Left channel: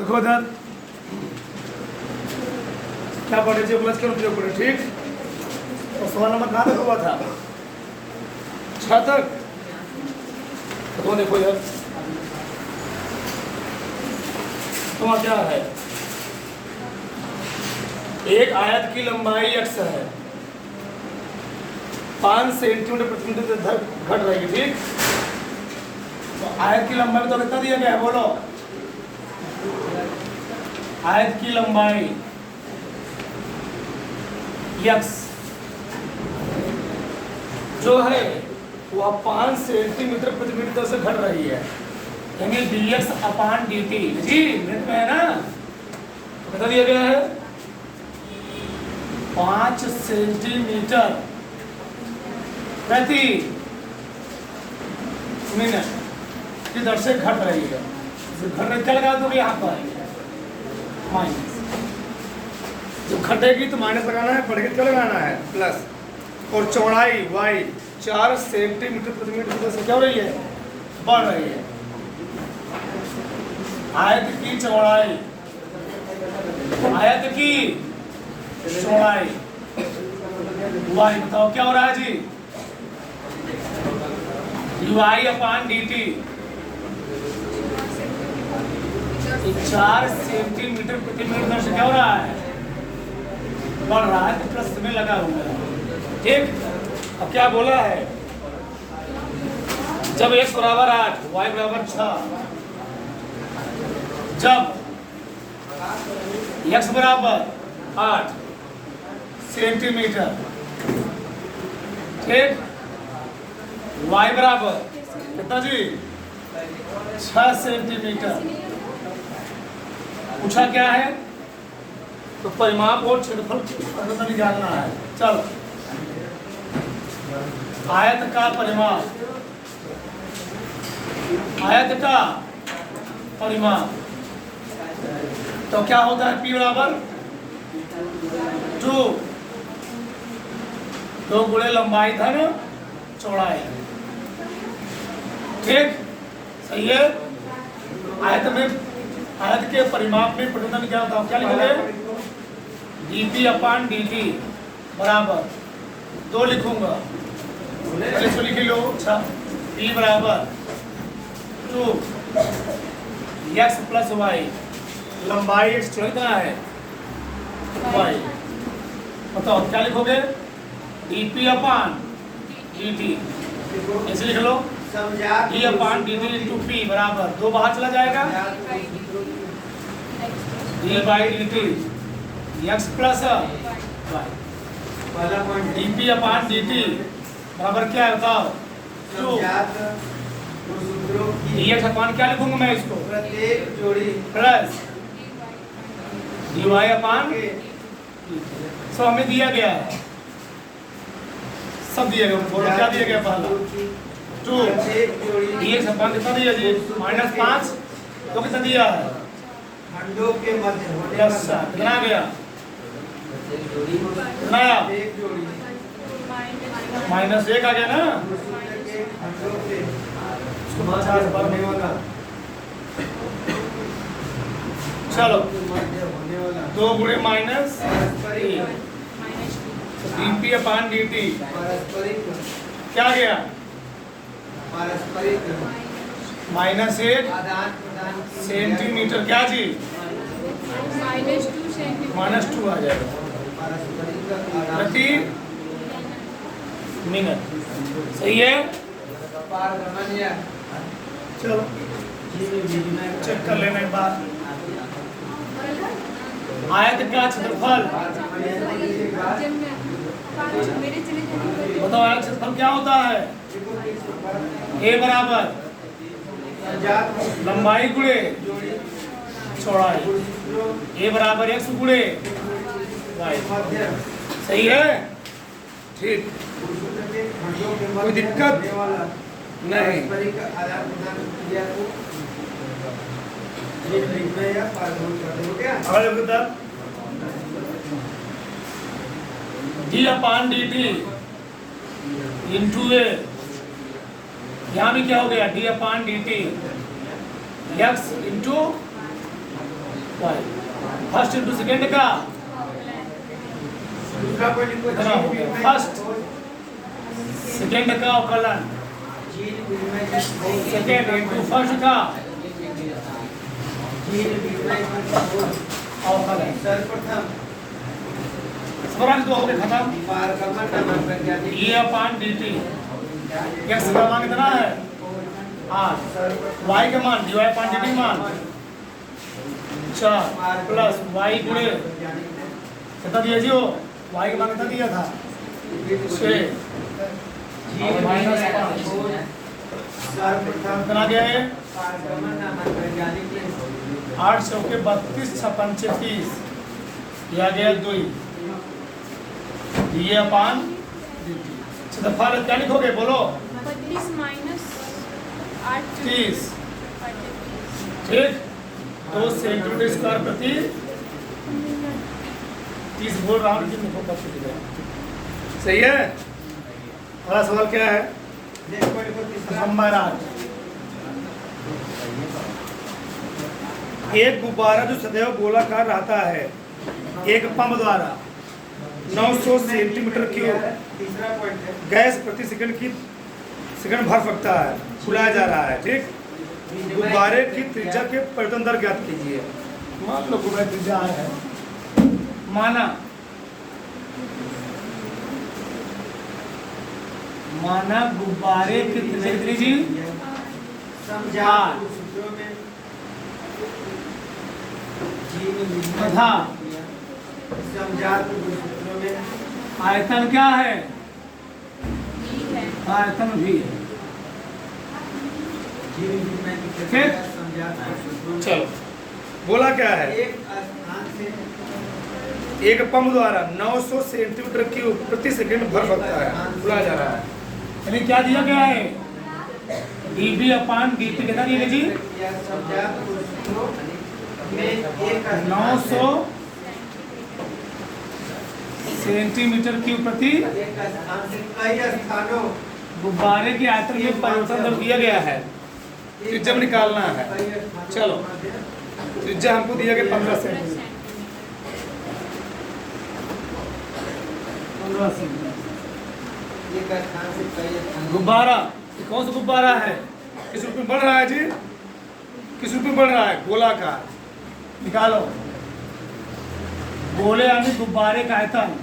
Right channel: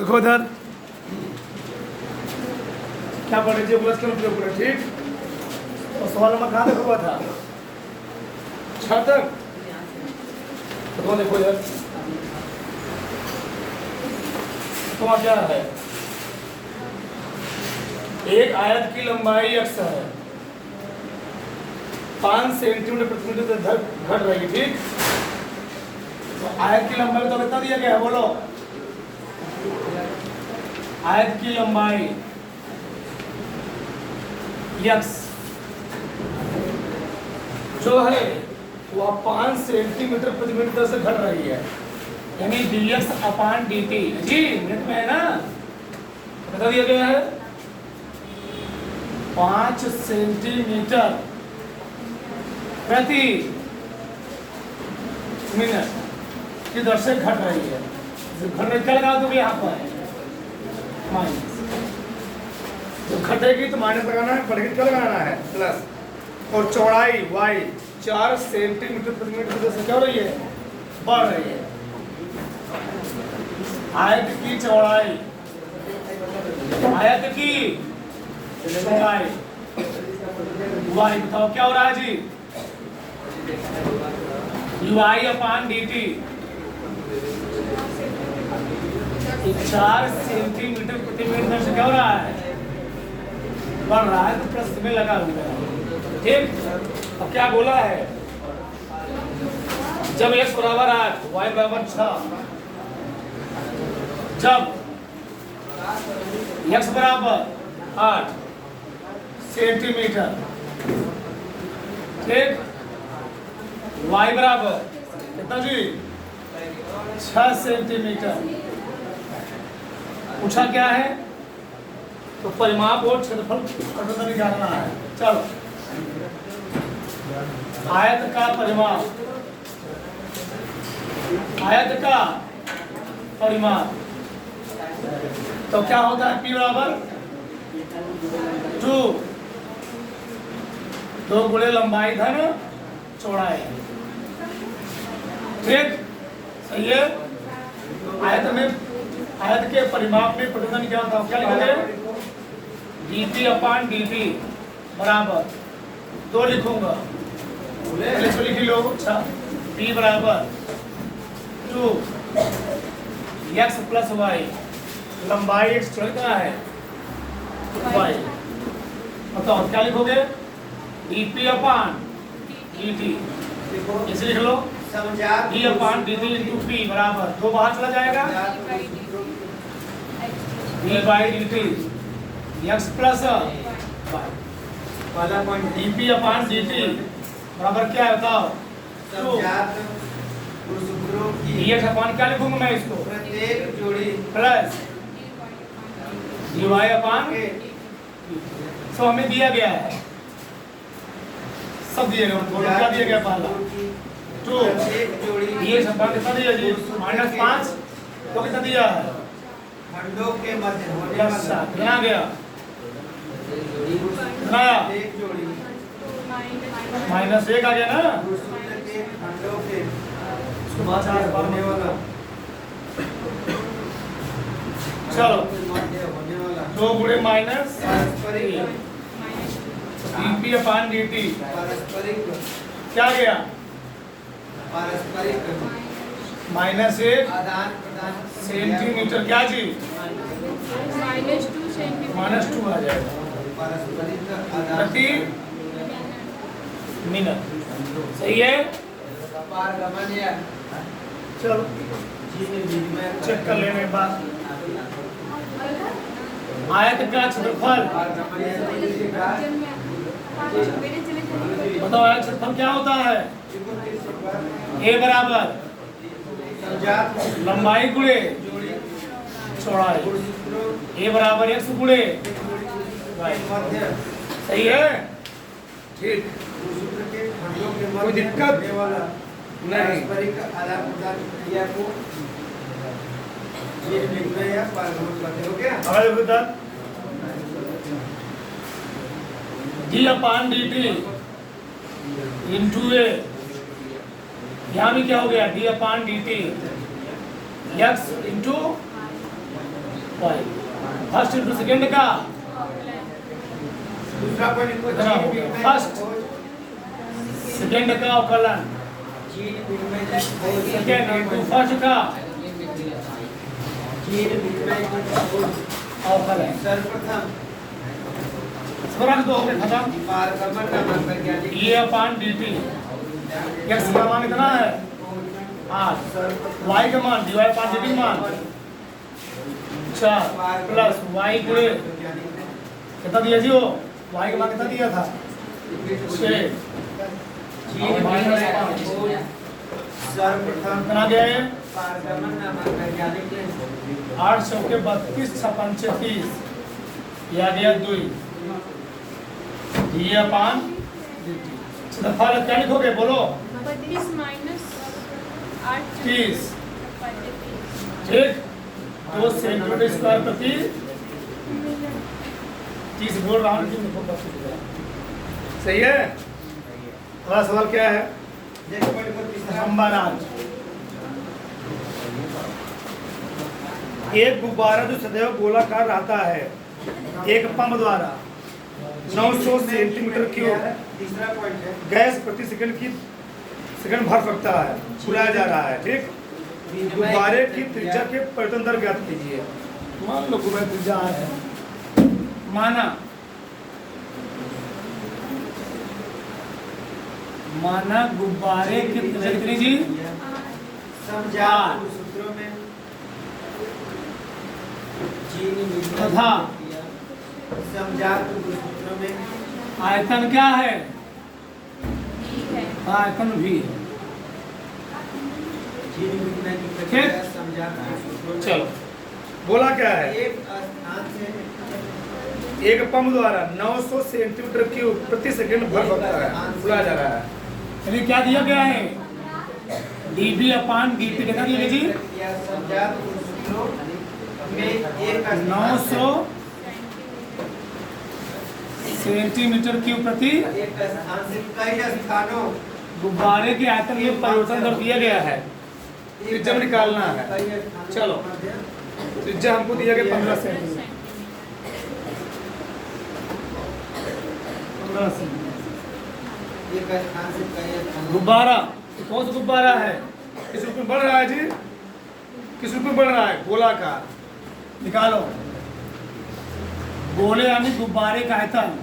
देखो इधर क्या पढ़े थे बस कर उपयोग करो ठीक। और सवाल नंबर कहाँ देखो हुआ था 6 तक। तो देखो इधर तुम्हारा क्या है, एक आयत की लंबाई x है 5 सेंटीमीटर प्रति मिनट घट रही है ठीक। तो आयत की लंबाई तो कितना दिया गया है बोलो, आयत की लंबाई x जो है वह 5 सेंटीमीटर प्रति मिनट से घट रही है, यानी dx/dt जी मिनट में है ना। तो बता दिया गया है 5 सेंटीमीटर प्रति मिनट की दर से घट रही है। घट क्या लगा दोगे यहाँ पर माइनस, तो घटेगी तो माइनस लगाना है, बढ़ेगी क्या लगाना है प्लस। और चौड़ाई y 4 सेंटीमीटर प्रति मिनट की दर से क्या हो रही है, बढ़ रही है। आयत की चौड़ाई, आयत की चौड़ाई y बताओ क्या हो रहा है जी, y/dt 4 सेंटीमीटर प्रति मिनट से क्या हो रहा है, बढ़ रहा है, तो प्लस में लगा हुआ है ठीक। अब क्या बोला है, जब x बराबर 8 y बराबर 6, जब x बराबर 8 सेंटीमीटर ठीक, y बराबर कितना जी 6 सेंटीमीटर, पूछा क्या है तो परिमाप और क्षेत्रफल जानना है। चलो आयत का परिमाप, आयत का परिमाप तो क्या होता है p बराबर 2 गुणे लंबाई धन चौड़ाई ठीक। सही है, आयत में आयत के परिमाप में परिमाण क्या होता है, क्या लिखोगे dp/dt बराबर 2 लिखूंगा, इसको लिख लो p बराबर 2x + y, लंबाई x कितना है y, बताओ क्या लिखोगे dp/dt, इसे लिख लो d/dt × p बराबर 2 बाहर चला जाएगा d/dt x + y, dp/dt बराबर क्या है बताओ 2 dx/ क्या लिखूंगा मैं इसको प्लस dy/, सब हमें दिया गया है, सब दिया गया, क्या दिया गया पहला 2 dx/, कितना दिया जी -5, तो कितना दिया है प्लस 7, कितना गया कितना -1 आ गया ना। चलो 2 गुणे माइनस dp/dt क्या गया -1 सेंटीमीटर, क्या जी -2 सेंटीमीटर -2 आ जाएगा प्रति मिनट। सही है, चलो चेक कर लेने के बाद आयत का क्षेत्रफल बताओ, आयत क्षेत्रफल क्या होता है, a बराबर लंबाई गुणे चौड़ाई, a बराबर x गुणे y। सही है ठीक, कोई दिक्कत नहीं। d/dt इंटू ए, यहाँ भी क्या हो गया d/dt x into y. First into second का कितना हो गया? फर्स्ट सेकेंड का अवकलन, सेकेंड इंटू फर्स्ट का अवकलन। सवाल तो हमने खत्म। ये अपान dt x का मान कितना है 8, y का मान dy अपान dt मान 4 प्लस y गुणे कितना दिया जी हो, y का मान कितना दिया था 6 माइनस 5 कितना दिया है 8 सौ के 32 56 36 यह आ गया 2 ये अपान फल क्या लिखोगे बोलो 32 माइनस 8 30 ठीक 2 सेंटीमीटर स्क्वायर प्रति 30 बोल रहा हूँ लिखो कब सही है। अगला सवाल क्या है नंबर 8। एक गुब्बारा जो सदैव गोलाकार रहता है एक पंप द्वारा 900 सेंटीमीटर क्यूब गैस प्रति सेकंड भर सकता है, बुलाया जा रहा है ठीक। गुब्बारे की त्रिज्या के परिवर्तन दर ज्ञात कीजिए। मान लो गुब्बारे की त्रिज्या है, माना गुब्बारे की त्रिज्या कितनी जी तथा आयतन क्या है आयतन भी ठीक। चलो बोला क्या है एक पंप द्वारा 900 सेंटीमीटर क्यूब प्रति सेकंड भर सकता है, बुलाया जा रहा है। यानी क्या दिया गया है dB अपान dt कितना दिया जी 900 सेंटीमीटर क्यूब प्रति गुब्बारे के आयतन में परिवर्तन दर दिया गया है, त्रिज्या निकालना है। चलो त्रिज्या हमको दिया गया 15 सेंटीमीटर। गुब्बारा कौन सा गुब्बारा है, किस रूप में बढ़ रहा है जी, किस रूप में बढ़ रहा है गोलाकार। निकालो गोले यानी गुब्बारे का आयतन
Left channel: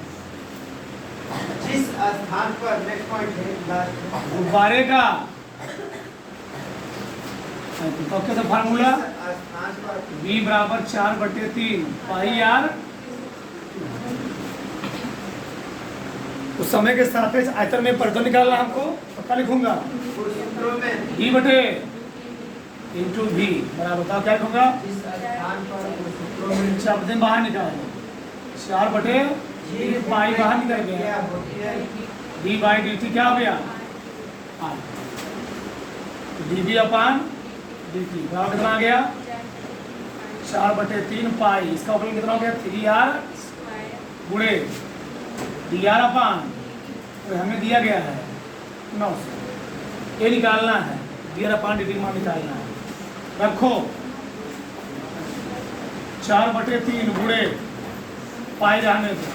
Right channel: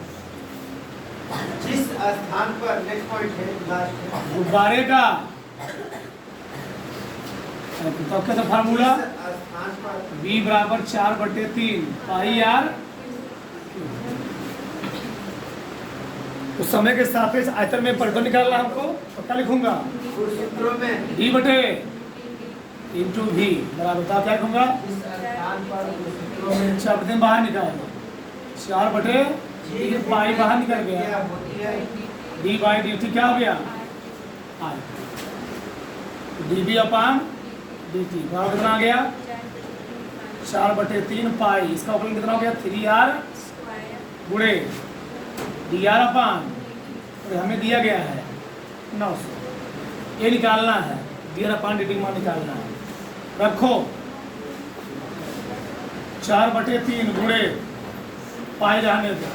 जिस स्थान पर नेक्स्ट पॉइंट है गुब्बारे का तो क्या था फार्मूला v बराबर 4/3 पाई आर। उस समय के सापेक्ष आयतन में परिवर्तन निकालना हमको, पक्का लिखूंगा d बटे इंटू वी बराबर था क्या लिखूंगा 4 बाहर निकालो 4/3 पाई बाहर निकल गया d बाई dt क्या हो गया r dB अपान dt बराबर कितना आ गया 4/3 पाई। इसका अवकलन कितना हो गया 3r गुणे dr अपान हमें दिया गया है 900, ये निकालना है dr अपान dt मान निकालना है। रखो 4/3 गुणे पाई रहने दो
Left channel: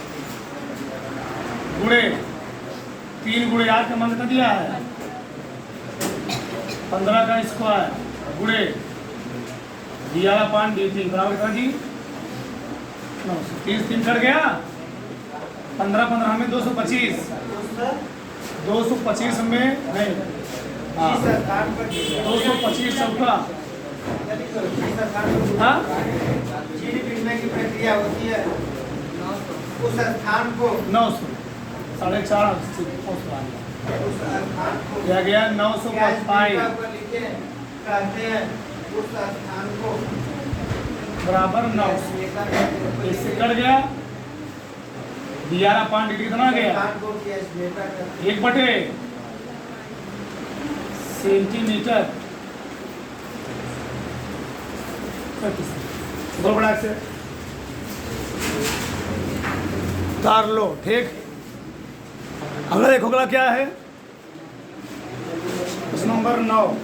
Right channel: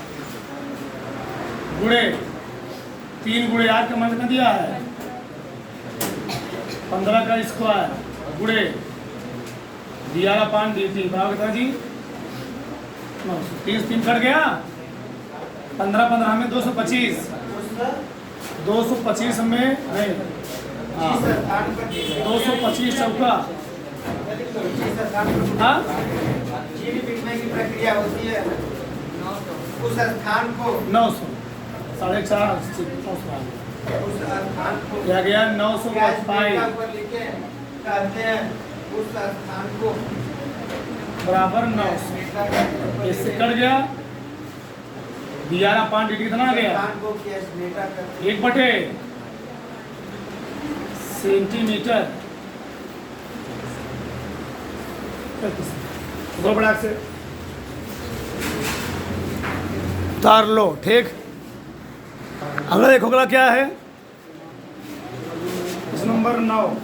गुणे 3 गुणे r का मान कितना दिया है 15 का स्क्वायर गुणे dr अपान dt बराबर कितना जी 900। 30 3 कट गया 15 में 225 में नहीं हाँ 225 चौका हाँ प्रक्रिया होती है उस स्थान को 900 4.5 क्या गया 900 पाई कहते हैं उस स्थान को बराबर 900। इससे कट गया dr अपान dt कितना आ गया 1 सेंटीमीटर दो बड़ा से उतार लो ठीक। अगला देखो अगला क्या है नंबर 9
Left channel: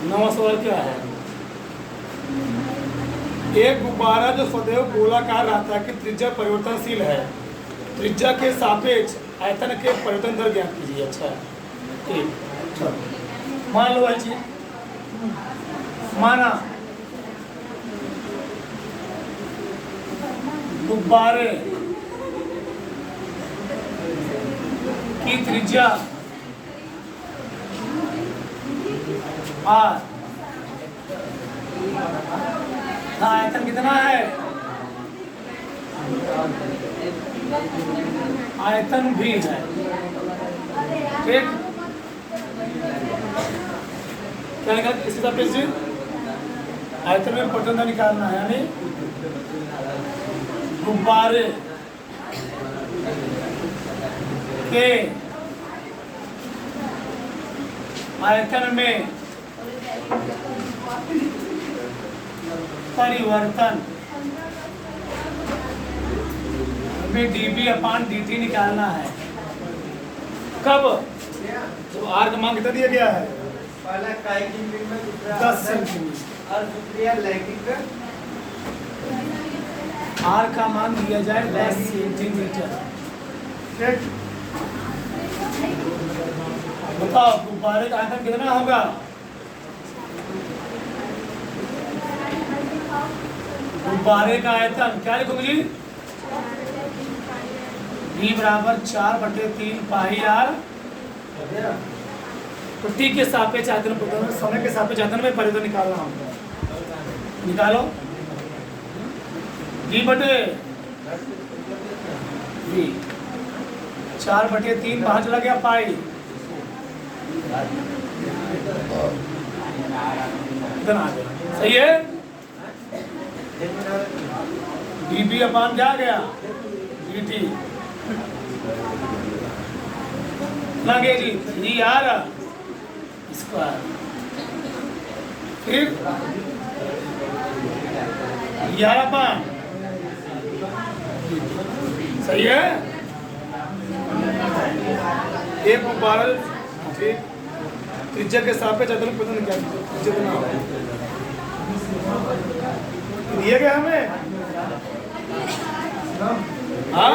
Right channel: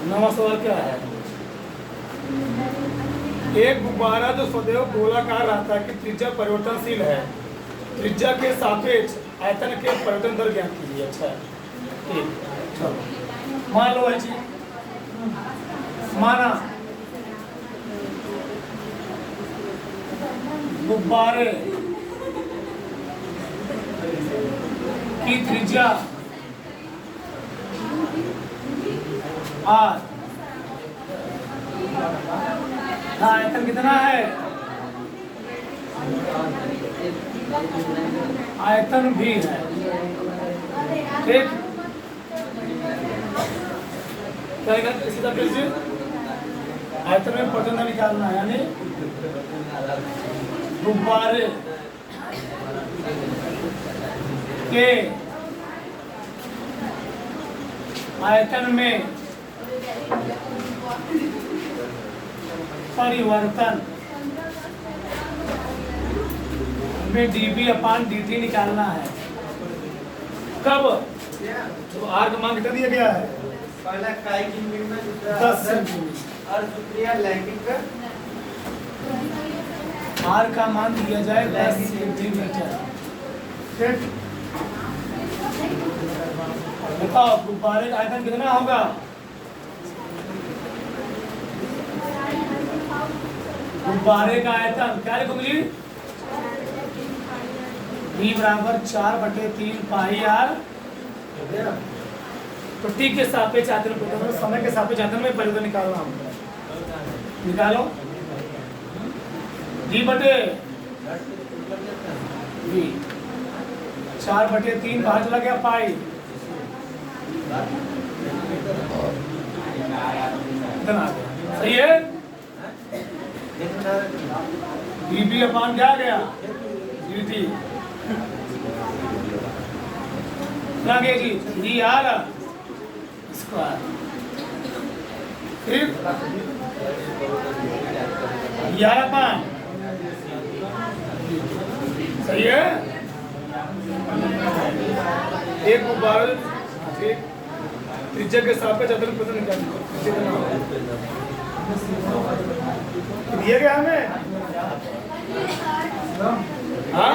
9वां सवाल क्या है? एक गुब्बारा जो सदैव गोलाकार रहता है कि त्रिज्या परिवर्तनशील है, त्रिज्या के सापेक्ष आयतन के परिवर्तन दर ज्ञात कीजिए। अच्छा ठीक, चलो मान लो है जी, माना गुब्बारे की त्रिज्या आर, आयतन कितना है? आयतन भी है। ठीक, क्या लिखा इसी तरह से आयतन में परिवर्तन निकालना है, यानी गुब्बारे के आयतन में परिवर्तन में dB/dt निकालना है। कब? तो आर का मान कितना दिया गया है? पहला काई की यूनिट में, दूसरा 10 सेंटीमीटर। और दूसरा लैंगिक आर का मान दिया जाए 10 सेंटीमीटर। ठीक, बताओ गुब्बारे का आयतन कितना होगा? गुब्बारे का आयतन क्या लिखोगे जी? V बराबर 4/3 पाई आर। तो टी के सापेक्ष आयतन परिवर्तन, समय के सापेक्ष आयतन में परिवर्तन निकालना होगा। निकालो G बटे V, 4/3 बाहर चला गया पाई, इतना आ गया। सही है? dB अपान क्या आ गया? dt लगे जी 3r स्क्वायर। ठीक, यह अपान सही है। एक गुब्बारा त्रिज्या के सापेक्ष आयतन पता निकालना जितना दिए गए हमें। हाँ,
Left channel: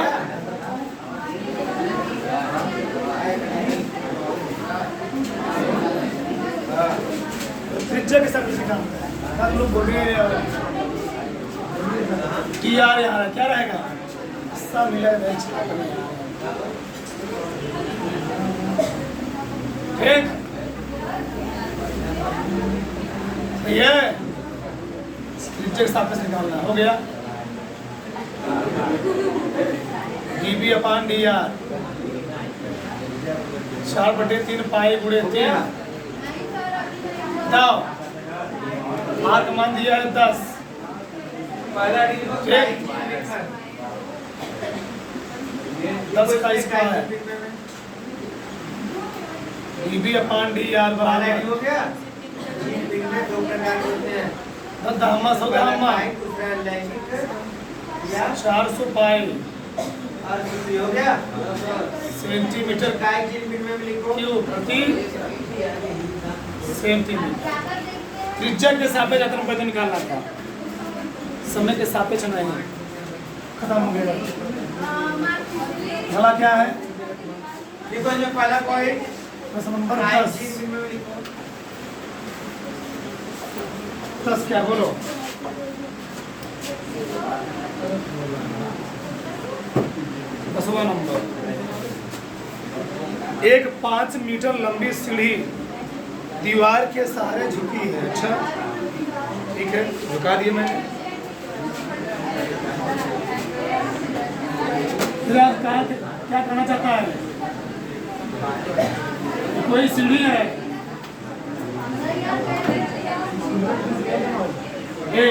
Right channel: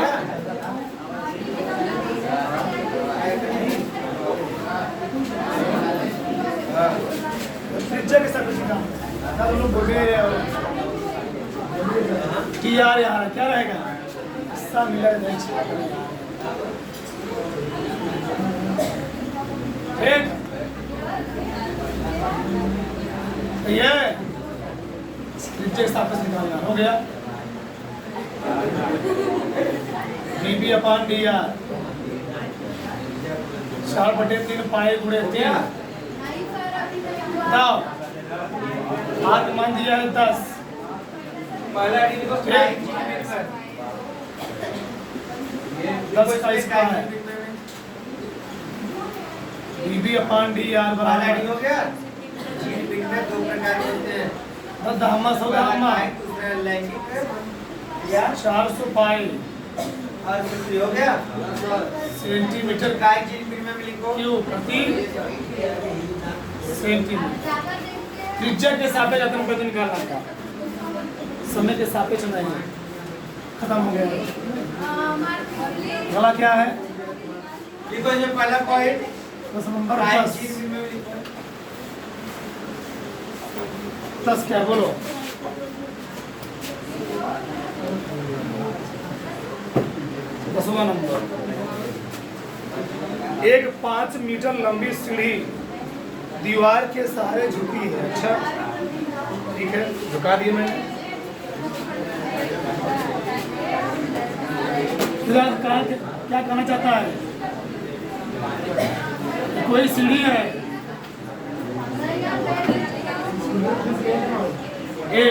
त्रिज्या के सापेक्ष निकालना। लोग बोलेंगे कि यार यहाँ क्या रहेगा, सब मिलेगा। ठीक, ये त्रिज्या के सापेक्ष निकालना हो गया। dB/dr 4/3 पाई गुणे 3। now आर का मान दिया है 10। पहला डी को ठीक, 10 का स्क्वायर dB/dr पहला बराबर डी हो गया। जीन पिन में दो प्रकार होते हैं, 10 धम्मा 100 धम्मा, दूसरा लैंगिक या 400 पाई और दूसरी हो गया सेंटीमीटर काई जीन पिन में भी लिखो क्यूब प्रति सेंटीमीटर। त्रिज्या के सापेक्ष आयतन परिवर्तन निकालना था, समय के सापेक्ष नहीं। खत्म हो गया। अगला क्या है? लिखो जो पहला पॉइंट प्रश्न नंबर काई 10। जीन पिन में भी लिखो। 10 क्या बोलो? दसवां नंबर, एक 5 मीटर लंबी सीढ़ी दीवार के सहारे झुकी है। अच्छा ठीक है, झुका दिए मैंने। क्या कहना चाहता है? कोई सीढ़ी है ए,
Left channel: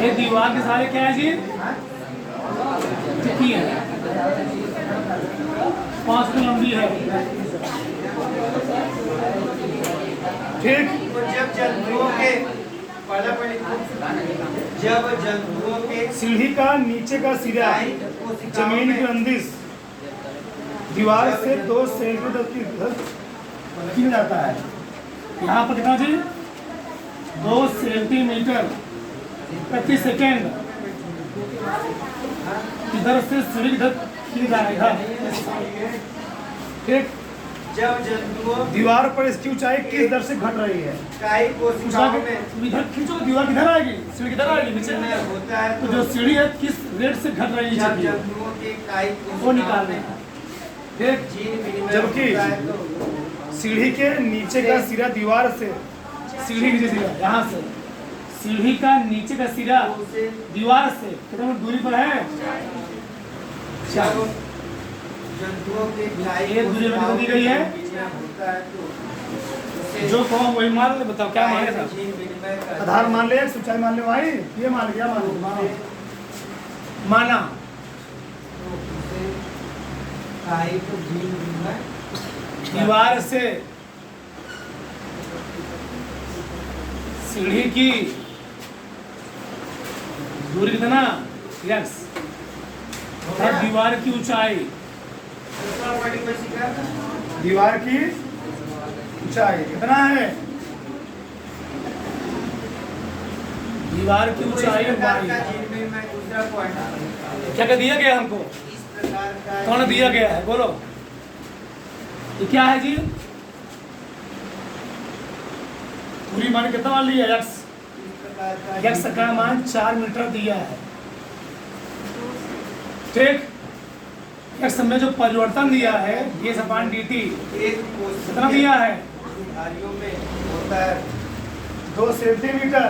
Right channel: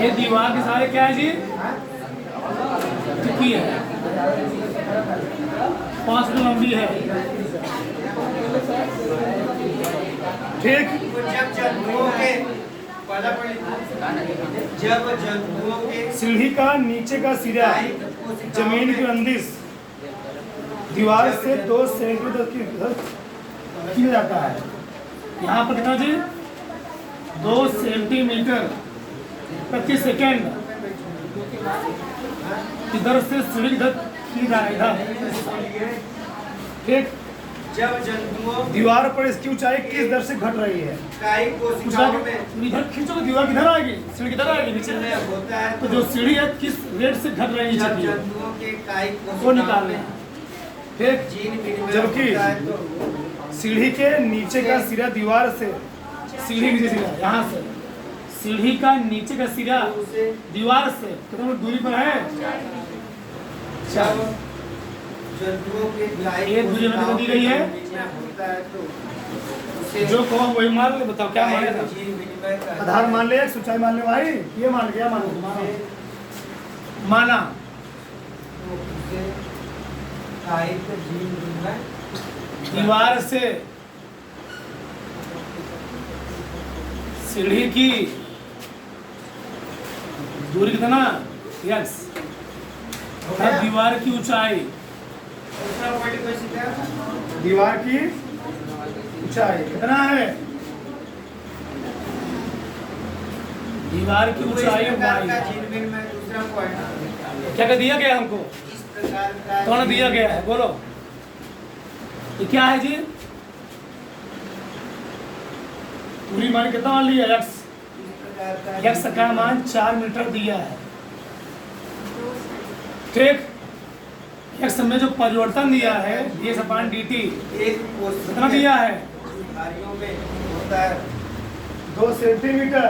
ये दीवार के सहारे क्या है जी? झुकी है, 5 फीट लंबी है। ठीक, जब जंतुओं के जब जंतुओं के सीढ़ी का नीचे का सिरा जमीन की अंदिश दीवार से 2 सेंटीमीटर की खींचा जाता है। यहाँ पर कितना जी 2 सेंटीमीटर प्रति सेकेंड इधर से सीढ़ी इधर खींच जा रहा है इधर। ठीक, जब जंतुओं दीवार पर इसकी ऊंचाई किस दर से घट रही है? काई कोशिकाओं में इधर खींचो तो दीवार किधर आएगी, सीढ़ी किधर आएगी नीचे। होता है तो जो सीढ़ी है किस रेट से घट रही है जब नीचे की, जंतुओं के काई वो निकालना है। ठीक, जीन विनिमय जबकि होता है तो सीढ़ी के नीचे का सिरा दीवार से, सीढ़ी नीचे सिरा यहाँ से, सीढ़ी का नीचे का सिरा उसे दीवार से कितना दूरी पर है? 4। जंतुओं के काई ये दूरी में कितना दी गई है? होता है तो उसे जो कहो वही मान ले, बताओ क्या माने था? जीन विनिमय का आधार मान ले, ऊंचाई मान ले भाई, ये मान ले, क्या मान ले? माना उसे काई को जीन विनिमय दीवार से सीढ़ी की दूरी कितना? x अर्थात दीवार की ऊंचाई, दूसरा पॉइंट क्या सीखा? दीवार की ऊंचाई कितना है? दीवार की तो इस ऊंचाई प्रकार y। का जीन विनिमय दूसरा पॉइंट क्या क्या दिया गया हमको? इस प्रकार का कौन दिया गया है बोलो? ये क्या है जी? पूरी मान कितना मान लिया? x। x का मान 4 मीटर दिया है। ठीक, x में जो परिवर्तन दिया है ds/dt एक कोशिका कितना दिया है? धारियों में होता है 2 सेंटीमीटर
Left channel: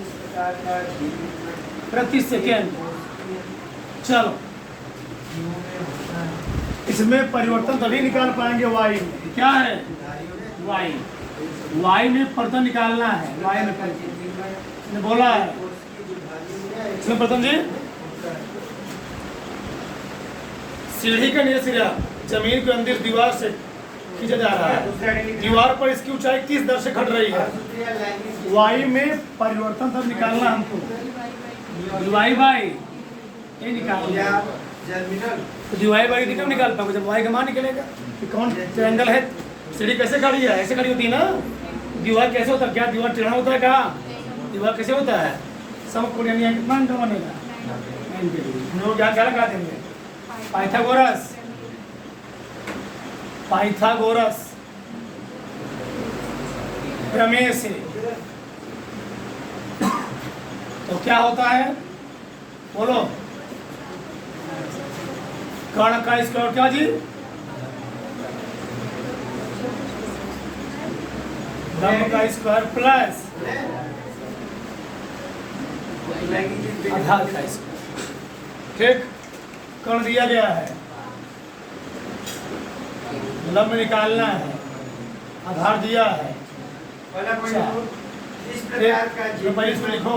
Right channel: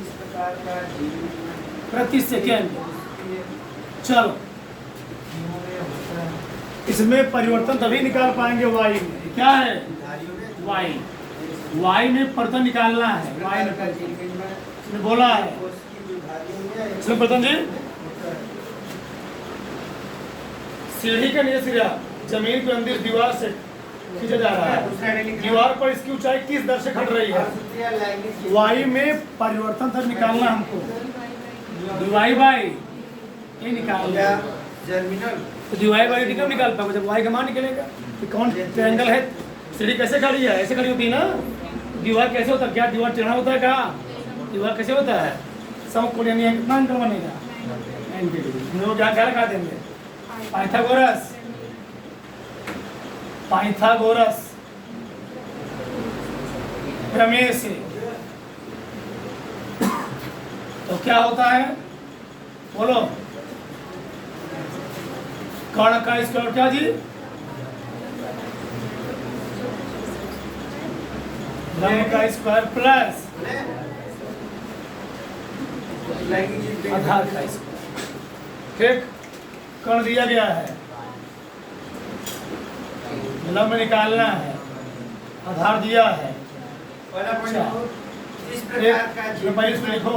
इस प्रकार का जीन विनिमय प्रति सेकेंड। चलो, जीवों में होता है इसमें परिवर्तन तभी निकाल पाएंगे y में। क्या है? धारियों में y में परिवर्तन निकालना है। y में परिवर्तन जीन विनिमय इसने बोला है। कोशिका जो धारियों में इसमें परिवर्तन जी, होता है सीढ़ी का नीचे सिरा जमीन के अंदर दीवार से खींचा जा रहा है। दीवार पर इसकी ऊंचाई किस दर से घट रही है? y में परिवर्तन तब निकालना हमको। dy बाई ये निकाल या लिया। जर्मिनल तो dy बाई डी कब निकाल पाएंगे? जब y का मान निकलेगा। कि कौन ट्रायंगल है? सीढ़ी कैसे खड़ी है? ऐसे खड़ी होती है ना। दीवार कैसे होता है? क्या दीवार टेढ़ा होता है? क्या दीवार कैसे होता है? समकोण, यानी कितना एंगल बनेगा? 90 डिग्री। हम लोग क्या क्या लगा देंगे? पाइथागोरस, पाइथागोरस प्रमेय से। तो क्या होता है बोलो? कर्ण का स्क्वायर क्या जी? ब्रह्म का स्क्वायर प्लस आधार का स्क्वायर। ठीक, कर्ण दिया गया है, लंब निकालना है, आधार दिया है। पहला पॉइंट इस प्रकार का जीन एक इसमें लिखो,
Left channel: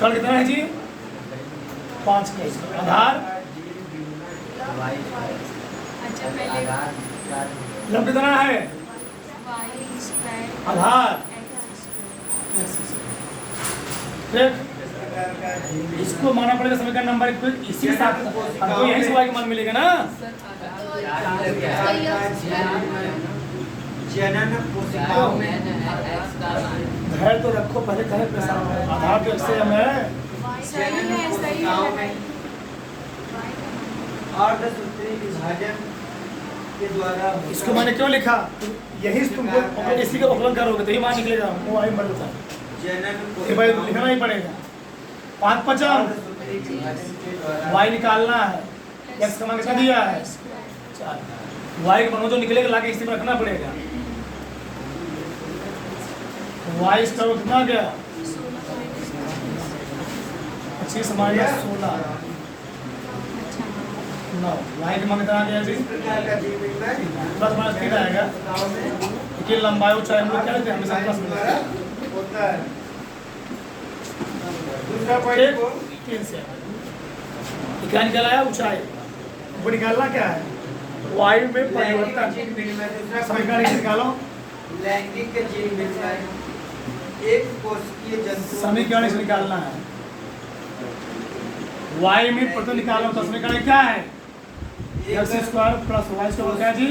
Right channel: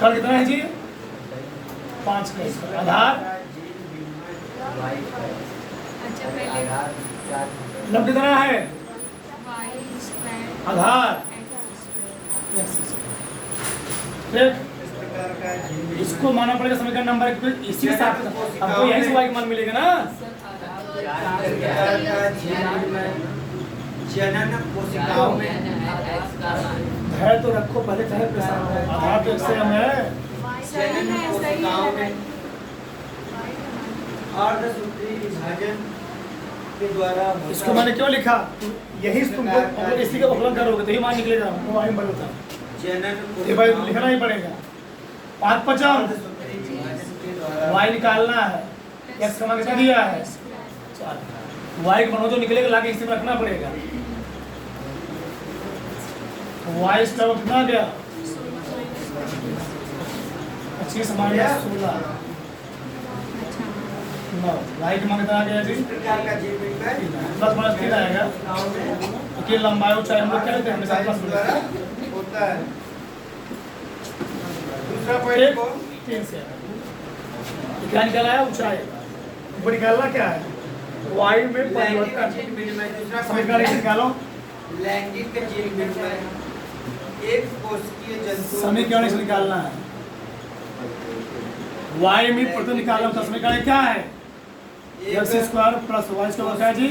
कर्ण कितना है जी? 5 का स्क्वायर। आधार अच्छा पहले लंब कितना है? y स्क्वायर आधार। x square. ठीक, इस प्रकार का जीन इसको मानना पड़ेगा समीकरण नंबर 1 पे। इसी के साथ हमको यही से y का मान मिलेगा ना। जनन कोशिकाओं में है तो रखो पहले तरह के साथ। आधार तो इससे हम है। सही है, सही है लगाइए। अर्धसूत्री विभाजन के द्वारा होता इसको है। मैंने क्यों लिखा? यही तुमको हम लोग इसी का उपयोग करोगे तो ही मान निकलेगा। हमको y बन होता है, जनन ये भाई लिखना ही पड़ेगा। 5 5 अर्धसूत्री विभाजन के द्वारा y निकालना है। x का मान कितना दिया है? 4। y का मान तो निकलेगा, लाके इसी में रखना पड़ेगा। y इसका वो कितना आ गया? 25 माइनस 16 अच्छा 9। y का मान कितना आ गया जी? इस प्रकार का जीन विनिमय प्लस माइनस 3 आएगा। कि लंबाई ऊंचाई हम लोग क्या लेते हैं? हमेशा प्लस द्वारा माइनस होता है। दूसरा पॉइंट को 3 से क्या निकाला? ऊंचाई। वो निकालना क्या है? वायु में लैंगिक परिवर्तन। जीन विनिमय दूसरा समीकरण एक निकालो। लैंगिक जीन विनिमय एक कोशिकीय जंतु समीकरण से निकालना है। वायु में परिवर्तन निकालना होता है। समीकरण क्या है? X square plus y square क्या है जी?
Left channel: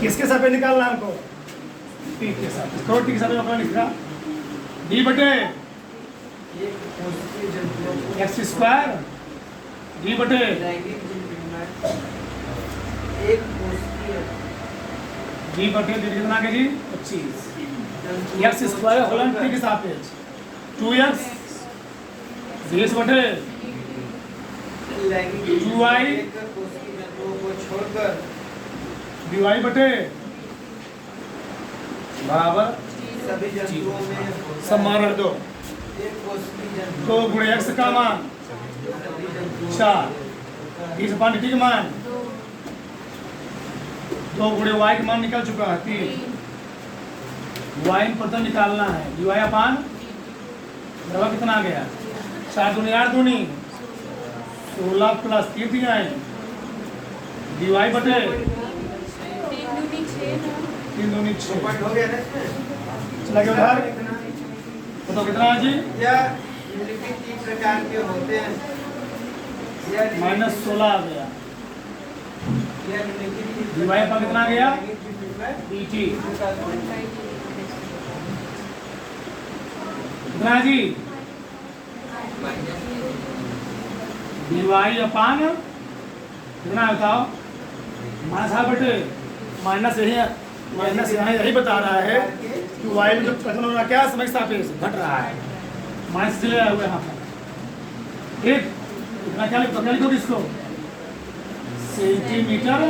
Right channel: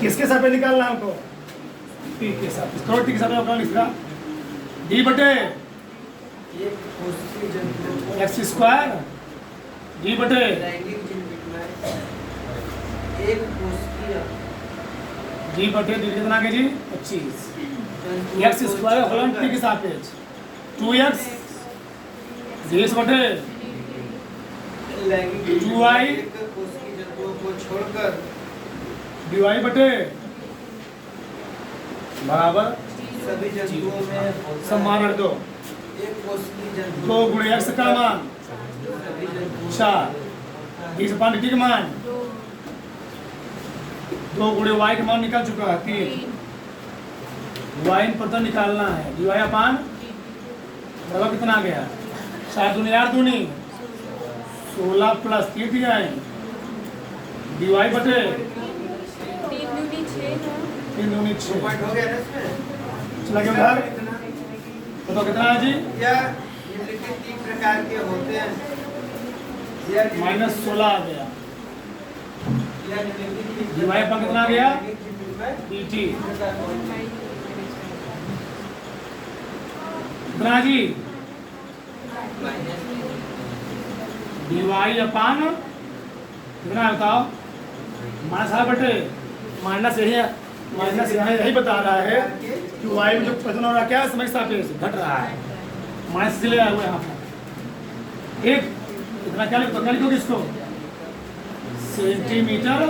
किसके साथ पे निकालना है हमको? टी के साथ। इसको टी के साथ में लिख रहा डी बटे एक्स स्क्वायर डी बटे डी बटे डी कितना के जी? 25 एक्स स्क्वायर होलन टी के सापेक्ष 2x बीस बटे 2y को छोड़कर dy बटे बराबर सभी जंतुओं में सम्मान दो एक कोशिकीय जंतु 2 गुणे x का मान 4 इस पान टी का मान 2 गुणे y का मान निकल चुका है 3 y पर तो निकालना है dy अपान बराबर कितना आ गया 4 दूनी 8 दूनी 16 प्लस 3 दिया है dy बटे 3 दूनी 6 पॉइंट हो गया ना इसमें? चला गया उधर तो कितना है जी? यह निम्नलिखित 3 प्रकार के होते हैं। -16 आ गया यह निम्नलिखित dy अपान कितना आ गया? dt कितना है जी? dy अपान कितना है बताओ? -8 बटे माइनस यही है माइनस यहाँ यही बता रहा है कि y में जो परिवर्तन हो रहा है क्या समय के सापेक्ष घट रहा है माइनस इसलिए आया हुआ यहाँ पर ठीक इतना क्या लिखोगे इसको सेंटीमीटर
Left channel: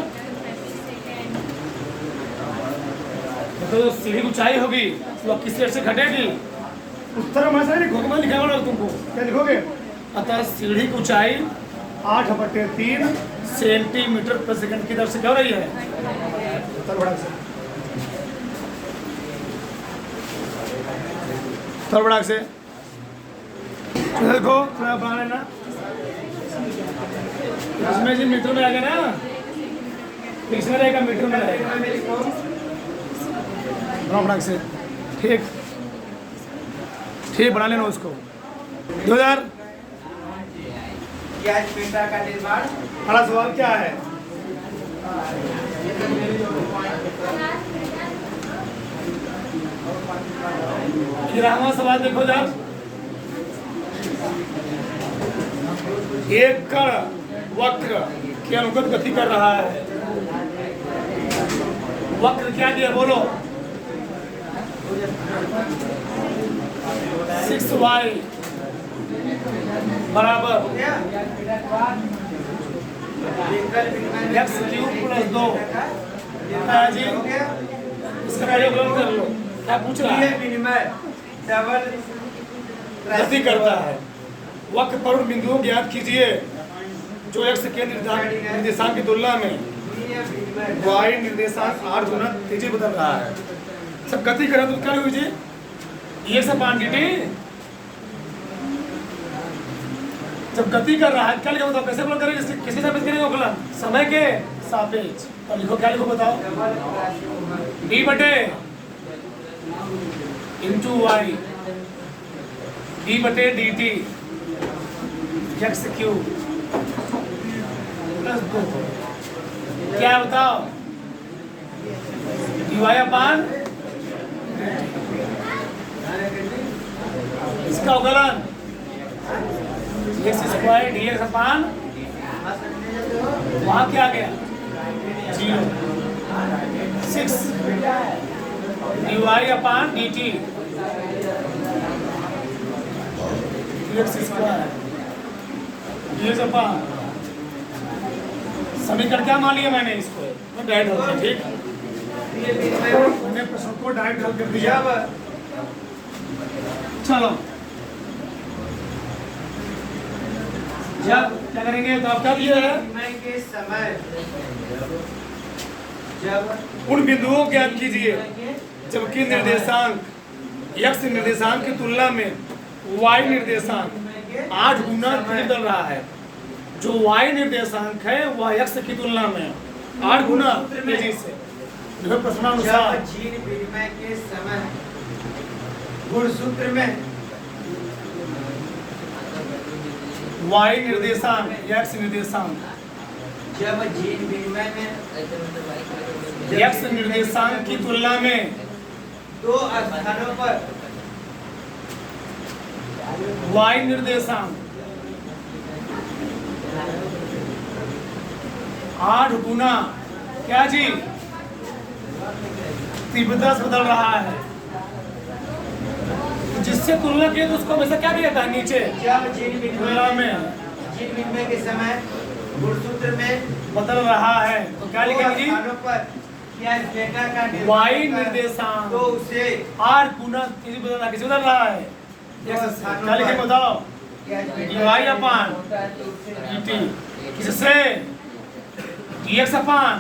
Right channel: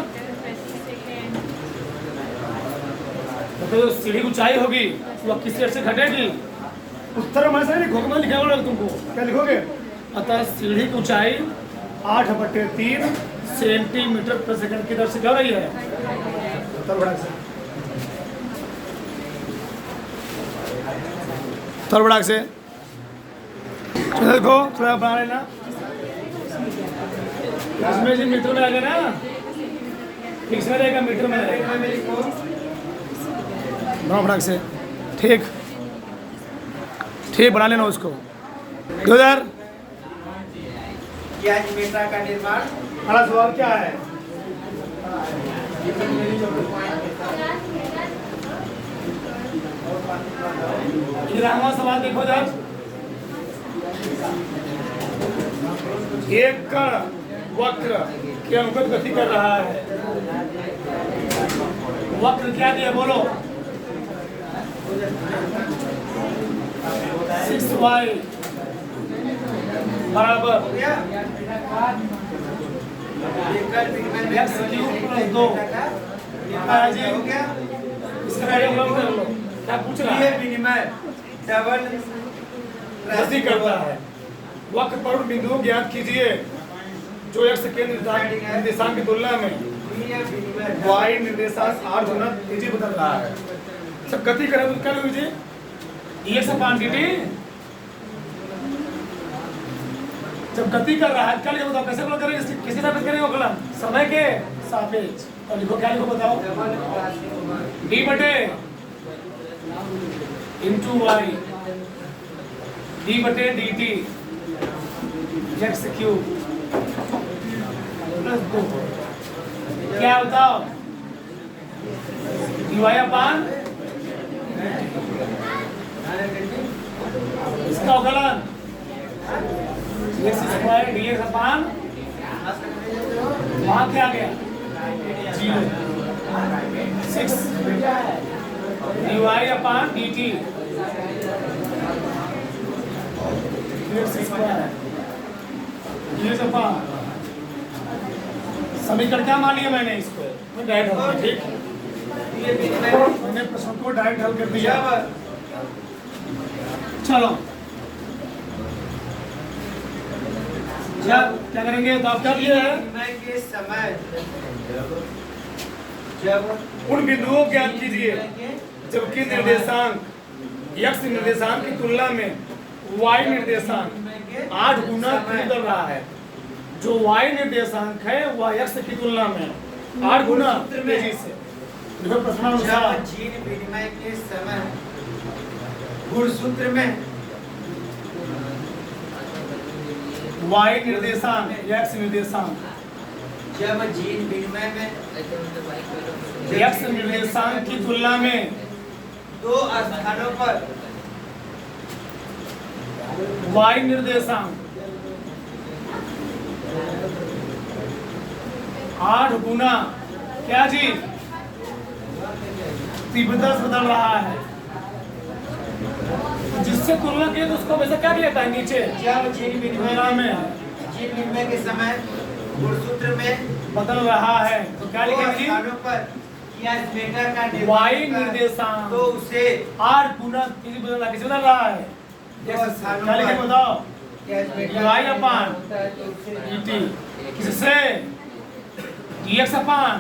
तो जो सीढ़ी ऊंचाई होगी वह किस तरह से घटेगी उत्तर में से लिखोगे मैं लिखा हुआ तुमको क्या लिखोगे अतः सीढ़ी की ऊंचाई 8/3 सेंटीमीटर प्रति सेकंड की दर से क्या हो रही है उत्तर बढ़ाक से देखो थोड़ा बना लेना इसमें जी मीटर में आएगा ना फिक्स में रहेगा मीटर में रहेगा बढ़ाक से ठीक ठीक बना लेना उसको 2000 क्या मीटर का निर्माण अगला सवाल क्या है ग्रामा सवाल देखो जब एक कण वक्र के अनुगत गति कर रहा है वक्र क्या दिया बोलो 6y बराबर x क्यूब प्लस 2 जी इसका प्रयोग कर लो क्या पूछ रहा है विनिमय डबल गति करता है वक्र पर बिंदुओं ज्ञात कीजिए जो x के निर्देशांक की तुलना में y निर्देशांक 8 गुना तेजी बदल रहा है सब गति करें तो क्या लिखोगे जी ये सब क्वांटिटी जब गति कर रहा है क्या लिखो बताओ कैसे बोल करेंगे किसके सापेक्ष करेंगे बोला समय के सापेक्ष और लिखो क्या लिखो बताओ d बटे इंटू वाई d बटे dt x क्यूब प्लस 2 क्या बताओ dy अपान इसका अवकलन x स्क्वायर dx अपान वहाँ क्या गया 0 6 dy अपान dt x स्क्वायर dx अपान समीकरण क्या मान लिया मैंने इसको मैं डायरेक्ट हल कर ठीक मैंने प्रश्न को डायरेक्ट हल कर दिया चलो क्या करेंगे तो आप क्या किया है के समय जब उन बिंदुओं को ज्ञात कीजिए जबकि निर्देशांक x निर्देशांक की तुलना में y निर्देशांक 8 गुना तेज चल रहा है जो y निर्देशांक है वह x की तुलना में 8 गुना तेजी से देखो प्रश्नानुसार जब जीन विनिमय के समय गुणसूत्र में y निर्देशांक x निर्देशांक जब जीन विनिमय में x निर्देशांक की तुलना में दो स्थानों पर y निर्देशांक 8 गुना क्या जी तीव्रता से बदल रहा है, जिससे तुलना किए तो उसको वैसे क्या दिया था नीचे जब जीन तुलना में जीन विनिमय के समय गुणसूत्र में बदल रहा है तो क्या दो लिखेंगे स्थानों पर या डेटा का y निर्देशांक निर्देशांक तो उसे 8 गुना किसी बदल रहा, किसी बदल रहा है क्या लिखे बताओ y अपान dt किससे dx अपान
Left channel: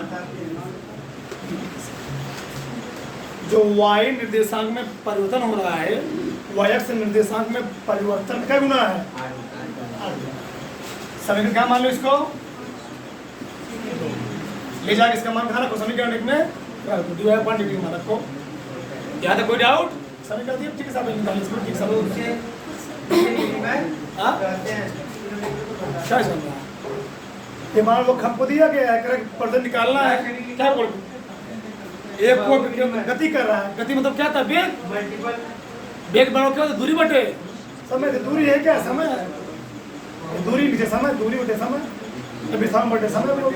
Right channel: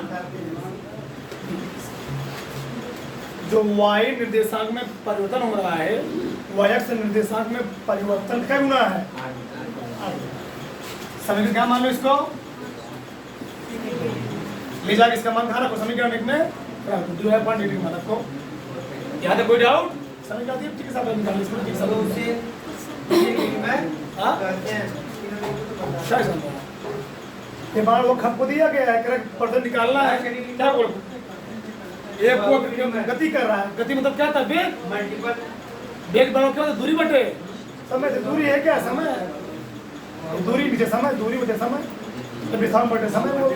जो y निर्देशांक में परिवर्तन हो रहा है y निर्देशांक में परिवर्तन क्या गुना है समीकरण क्या मान लो इसको ले जाकर इसका मान कहाँ रखो समीकरण एक में dy अपॉन dt मान रखो। यहाँ तक कोई डाउट समीकरण ठीक है साहब निकालिए इसको ठीक तो साहब उसे जीन विनिमय हाँ कहते हैं। क्या चल रहा है ये मान लो हमको दिया गया है करेक्ट पर्सन निकालना है क्या बोल एक को गति कर रहा है, गति मतलब क्या था वेग मल्टीपल वेग बनाओ क्या होता है? दूरी बटे समय तो दूरी है क्या समय है दूरी नीचे समय दूरी बटे समय तो विस्थापन बटे समय वो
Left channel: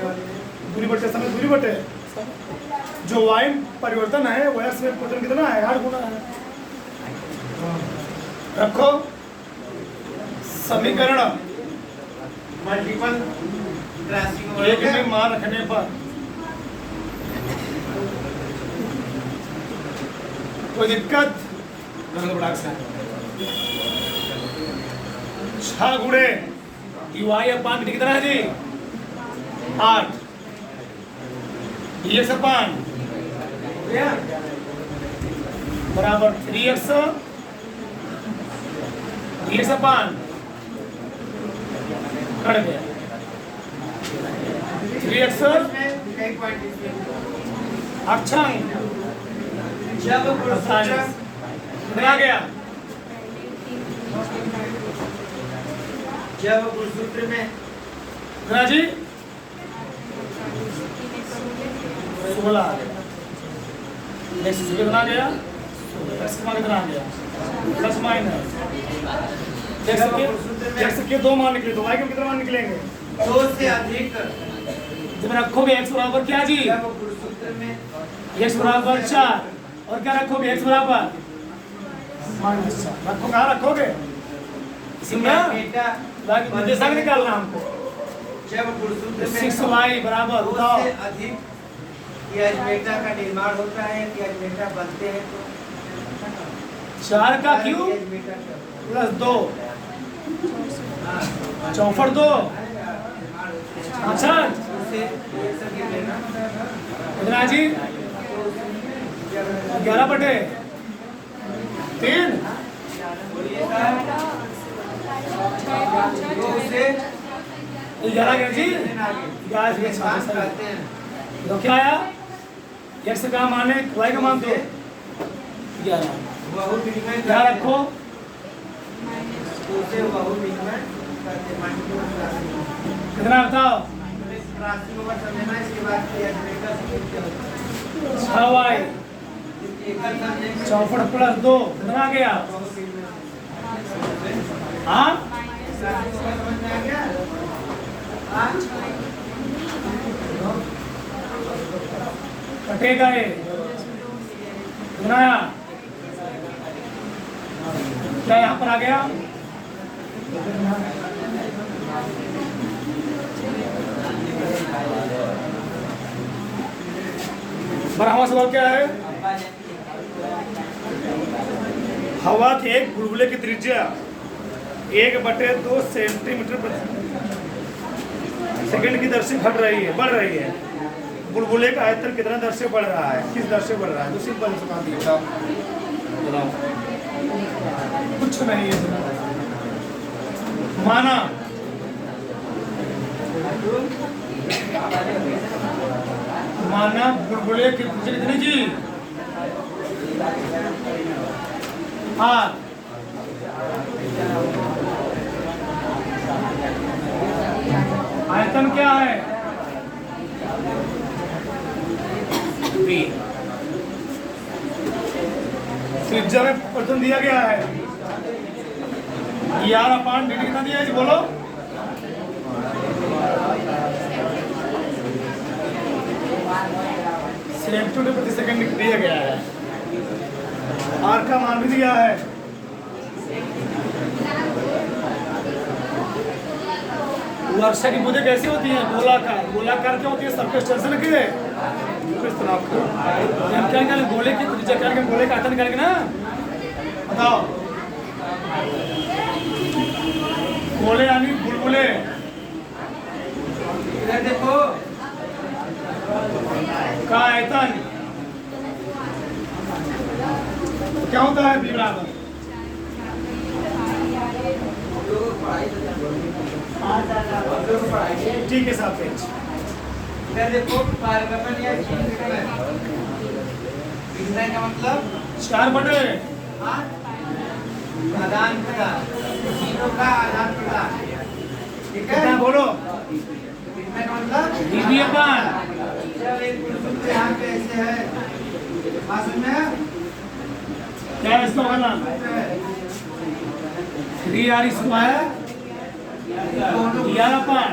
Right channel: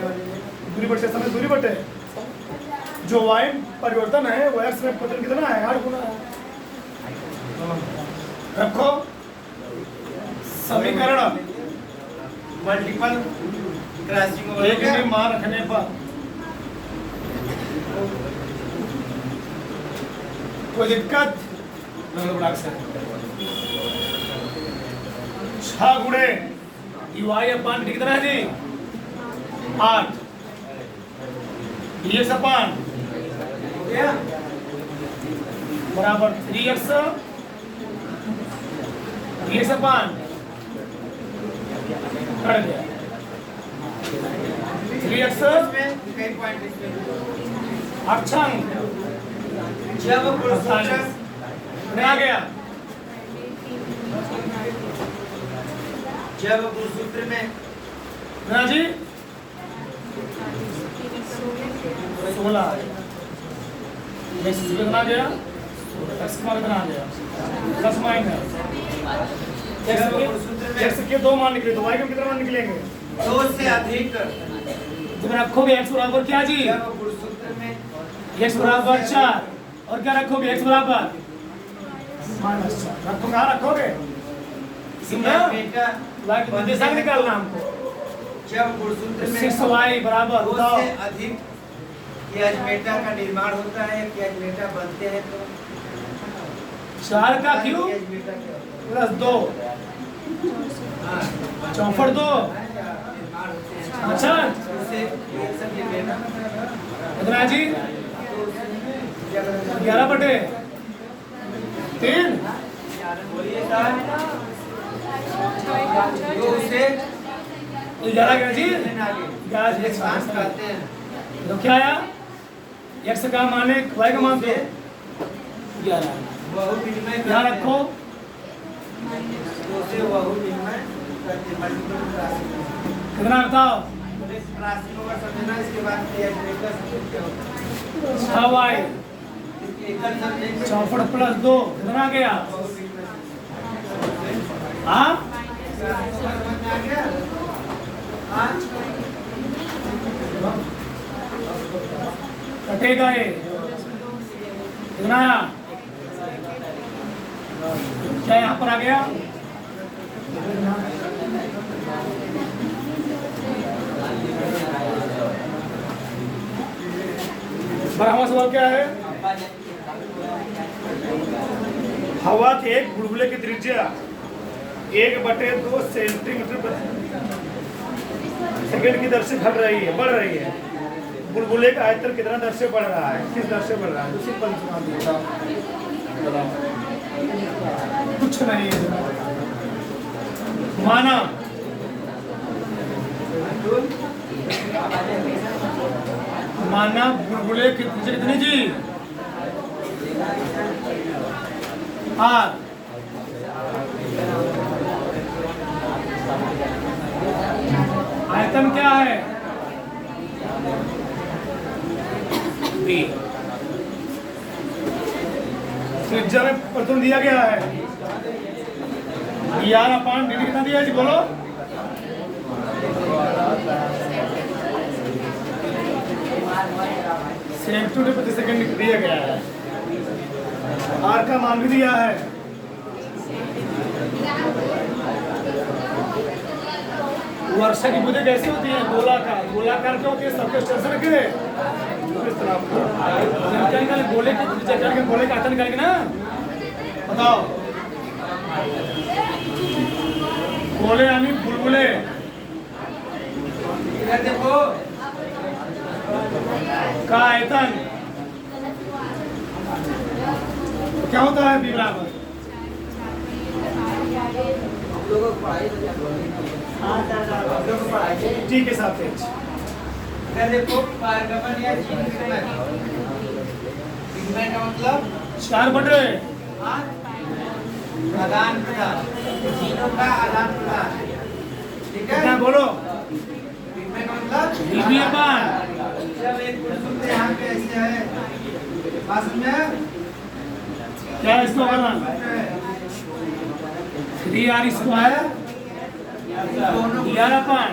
दूरी बटे समय दूरी बटे जो y परिवर्तन है वो x में परिवर्तन कितना है 8 गुना है। रखो समीकरण मल्टीपल क्रॉसिंग एक में मान रखने पर कोई दिक्कत 6 गुणे y अपान कितना है जी 8 dx अपान बराबर 3x dx अपान कट गया 3x अक्षांक जब गुणसूत्र कितना आ गया जब गुणसूत्र में कितना जी 16 आ गया कितना आ गया 10 कितना आ गया 10 माइनस x के 2 मान निकले तो y के कितने मान निकलेंगे 2 से अधिक जब रखोगे x बराबर क्या जी जब गुणसूत्र में x बराबर 4 और क्या रखोगे x बराबर -4 रखो कहाँ रखोगे इसी में बेटा निर्देशांक निकालना हमको जब गुणसूत्र में 6y बराबर 2 बताओ से अधिक कियाजमेटा का निर्माण होता है कियाजमेटा बनते हैं तो 4 का क्यूब कियाजमेटा का प्लस 2 चौफट 2 अच्छा उससे रिएक्शन ये लेना कितना है जी 11 बटे 3 तो उसे 11 गया जी आगे गाज कहते हैं तो क्या आया x का मान है y का मान दो 11 बहुविनिमय यहाँ रखो तो उसे बहुविनिमय कहते हैं मल्टीपल क्रॉसिंग कितना बताओ क्रॉसिंग ओवर समझना इसके बाद कियाजमेटा सब क्या होता है 6y एकल समझेंगे चौफट प्लस 2 कितना आ गया हाँ कटेगा ये कितना आया क्या यहाँ पर आ गया बराबर सवाल क्या है हवा के एक बुलबुले की त्रिज्या 1/2 सेंटीमीटर सेकंड की दर से बढ़ रही है बुलबुले का आयतन कितना दर से बढ़ रहा है किस दर से बढ़ रहा है दूसरी पर मान दिया कुछ नहीं है माना बुलबुले की त्रिज्या कितनी जी r आयतन क्या है? बी। त्रिज्या में प्रथम दिया गया है यार अपान डी कितना दिया है जी बोलो? सेंटीमीटर प्रति सेकंड दिया गया है। आर का मान भी दिया है। वर्षा की बूंदें कैसी होती हैं? गोलाकार। गोलाकार क्या होती है? सरफेस टेंशन के क्या गोले की त्रिज्या करेंगे, गोले का आयतन करेंगे ना। बताओ गोले यानी बुलबुले इधर देखो का आयतन क्या होता है? बी बराबर ठीक है सापेक्ष। इधर देखो पारगमन या विनिमय का मतलब 4 बटे आदान प्रदान, चीजों का आदान प्रदान। ठीक है, कितना बोलो? विनिमय का मतलब डीबी अपान जब एक कुसुम से यहाँ पे ऐसे है बस में क्या इसको करना? 3r स्क्वायर dr अपान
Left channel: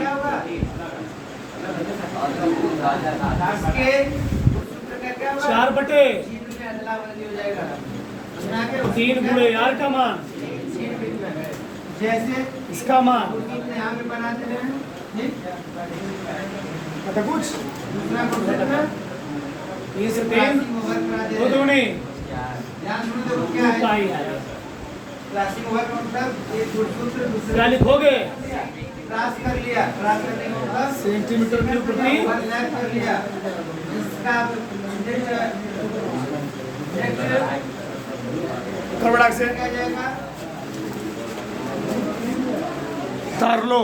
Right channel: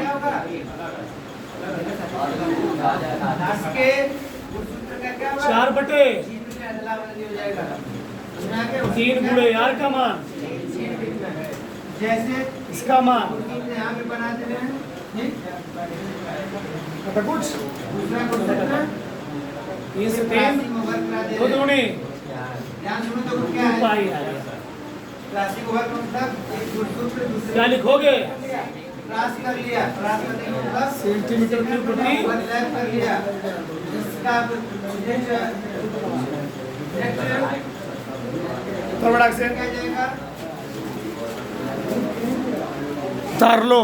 के सूत्र का क्या होगा? 4 बटे चिन्ह से अदला बदली हो जाएगा। यहाँ के 3 गुणे r का मान जैसे इसका मान कुसुम से यहाँ पे बनाते हैं, ठीक? पता कुछ दूसरा कुसुम 3 से 3 2 दूनी ध्यान सुनो, देखो क्या 2 है पाई आ गया। राशि का मतलब एक गुणसूत्र से दूसरे क्या लिखोगे? क्रॉस कर लिया, क्रॉस करने का मतलब सेंटीमीटर क्यूब प्रति ओवरलैप कर लिया। इसका थोड़ा से क्या जाएगा? तार लो।